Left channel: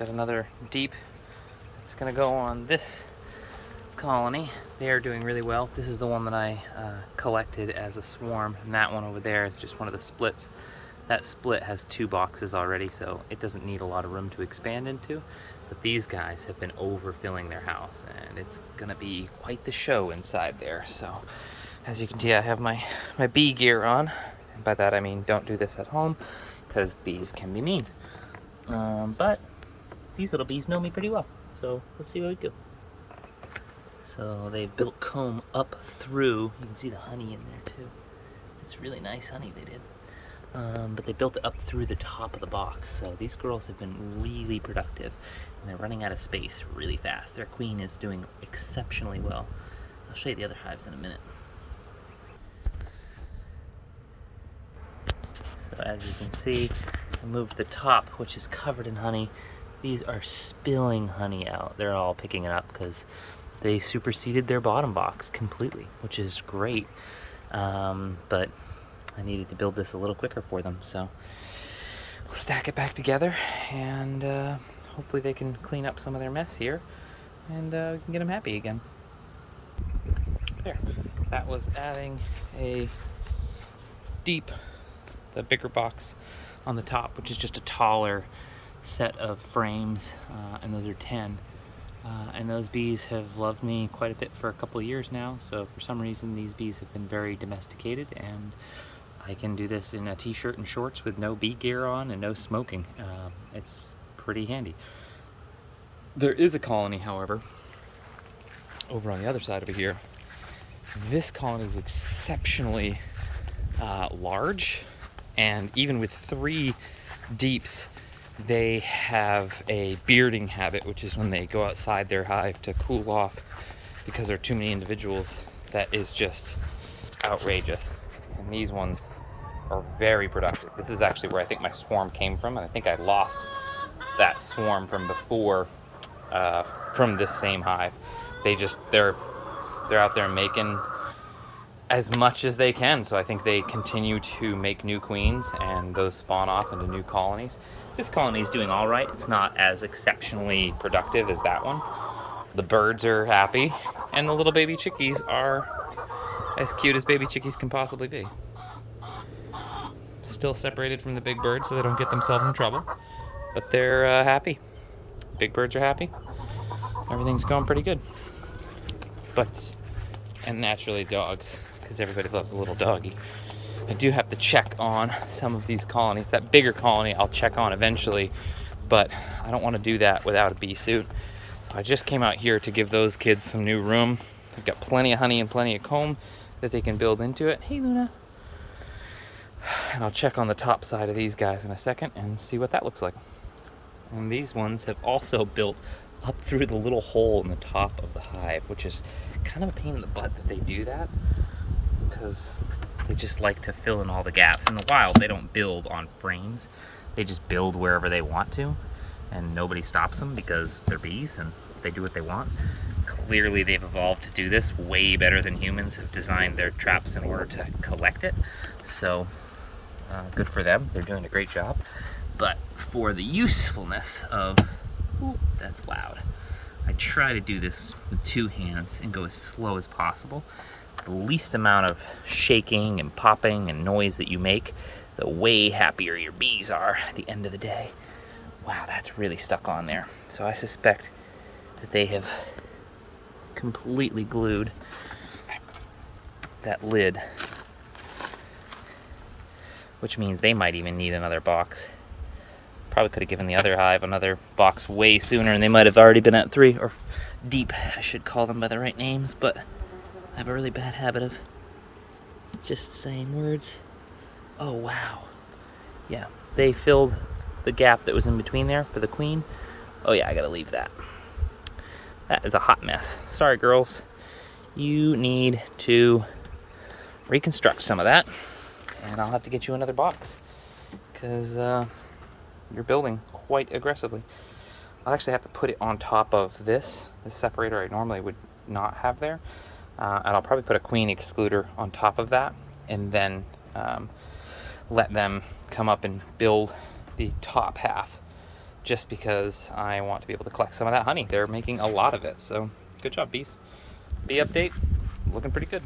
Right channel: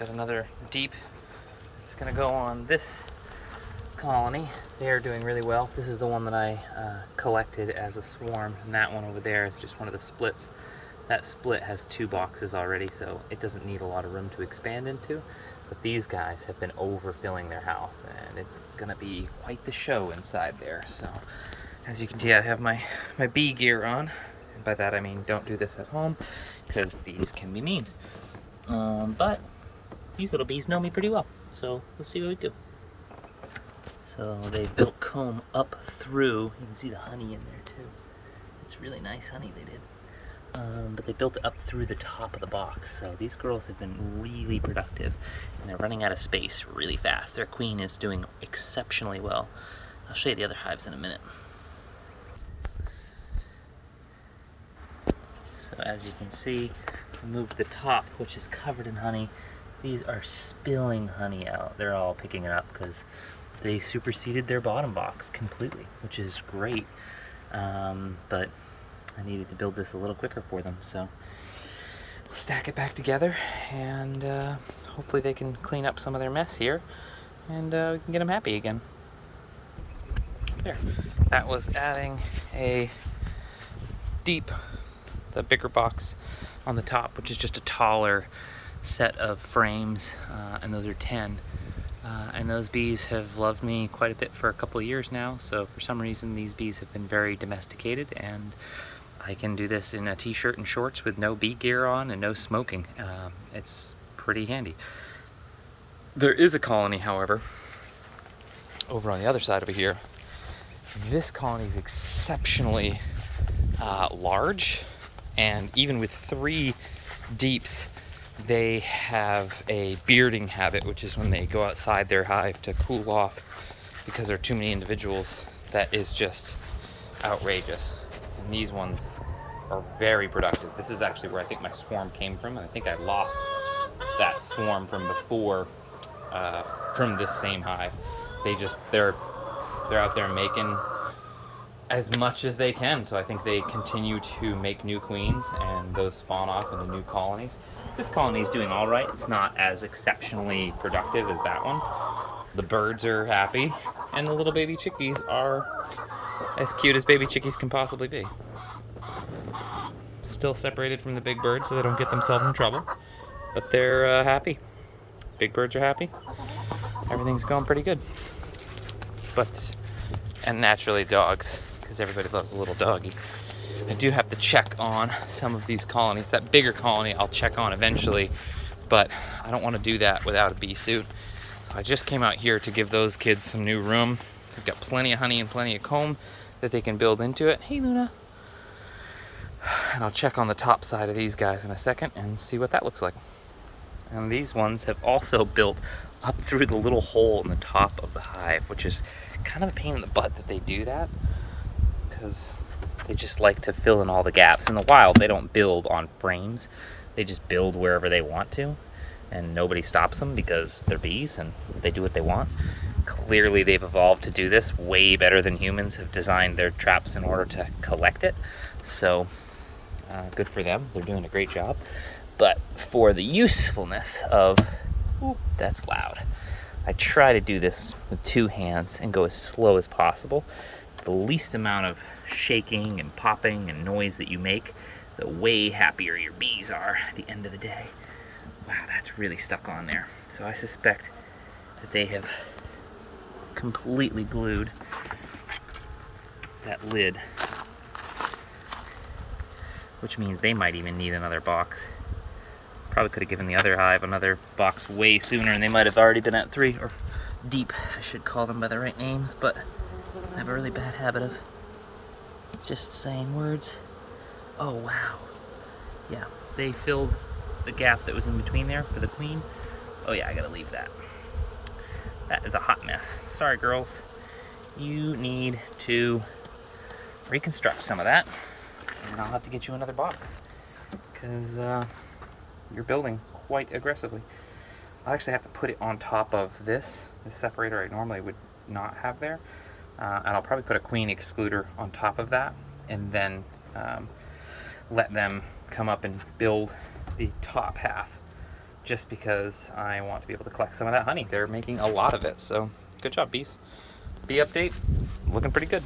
Got another deep. It's gonna go on this colony. They are doing really well. This is the one that I collected as a swarm, and that one over there is just one of the splits. That split has 2 boxes already, so it doesn't need a lot of room to expand into. But these guys have been overfilling their house, and it's gonna be quite the show inside there. So as you can see, I have my bee gear on, and by that I mean don't do this at home because bees can be mean. But these little bees know me pretty well, so let's see what we do. So they built comb up through. You can see the honey in there too. It's really nice honey they did. But they built it up through the top of the box. So these girls have been really productive, and they're running out of space really fast. Their queen is doing exceptionally well. I'll show you the other hives in a minute. So as you can see, I moved the top, which is covered in honey. These are spilling honey out. They're all picking it up because they superseded their bottom box completely, which is great. But I needed to build this a little quicker for them, so we'll stack it back together, and hopefully they can clean up some of their mess here, and we can get them happy again. There, that was adding a deep, the bigger box on the top, which is just a taller set of frames, and those are 10. And those bees have loved me quite a bit for a couple of years now, so for some reason these bees have been very domesticated, and I can do this in a t-shirt and shorts with no bee gear on and no smoking. It's pretty handy. There is a colony, however, over on the other side over here. This colony is exceptionally large, and even with 3 deeps, they have a bearding habit, which is when they go outside their hive to cool off because there are too many individuals. That is just outrageous. And these ones are very productive. This is actually where I think my swarm came from, and I think I lost that swarm from before, from this same hive. They're out there making as much as they can, so I think they continue to make new queens, and those spawn off into new colonies. This colony is doing all right. It's not as exceptionally productive as that one. The birds are happy, and the little baby chickies are as cute as baby chickies can possibly be. Still separated from the big birds so they don't get themselves in trouble, but they're happy. Big birds are happy. Everything's going pretty good. And naturally dogs, because everybody loves a little doggy. I do have to check on some of these colonies. That bigger colony I'll check on eventually, but I don't want to do that without a bee suit. So I just came out here to give those kids some new room. They've got plenty of honey and plenty of comb that they can build into it. Hey, Luna. And I'll check on the top side of these guys in a second and see what that looks like. And these ones have also built up through the little hole in the top of the hive, which is kind of a pain in the butt that they do that, because they just like to fill in all the gaps. In the wild, they don't build on frames. They just build wherever they want to, and nobody stops them because they're bees and they do what they want. Clearly, they've evolved to do this way better than humans have designed their traps in order to collect it. So, good for them. They're doing a great job. But for the usefulness of, ooh, that's loud. I try to do this with 2 hands and go as slow as possible. The least amount of shaking and popping and noise that you make, the way happier your bees are at the end of the day. Wow, that's really stuck on there. So I suspect that they have completely glued that lid, which means they might even need another box. Probably could have given the other hive another box way sooner, and they might have already been at 3, or deep, I should call them by the right names, but I have a really bad habit of just saying words. Oh, wow. Yeah, they filled the gap that was in between there for the queen. Oh yeah, I gotta leave that. That is a hot mess. Sorry, girls. You need to reconstruct some of that, and I'll have to get you another box, because you're building quite aggressively. I'll actually have to put it on top of this separator I normally would not have there. And I'll probably put a queen excluder on top of that, and then let them come up and build the top half just because I want to be able to collect some of that honey. They're making a lot of it, so good job, bees. Bee update, looking pretty good.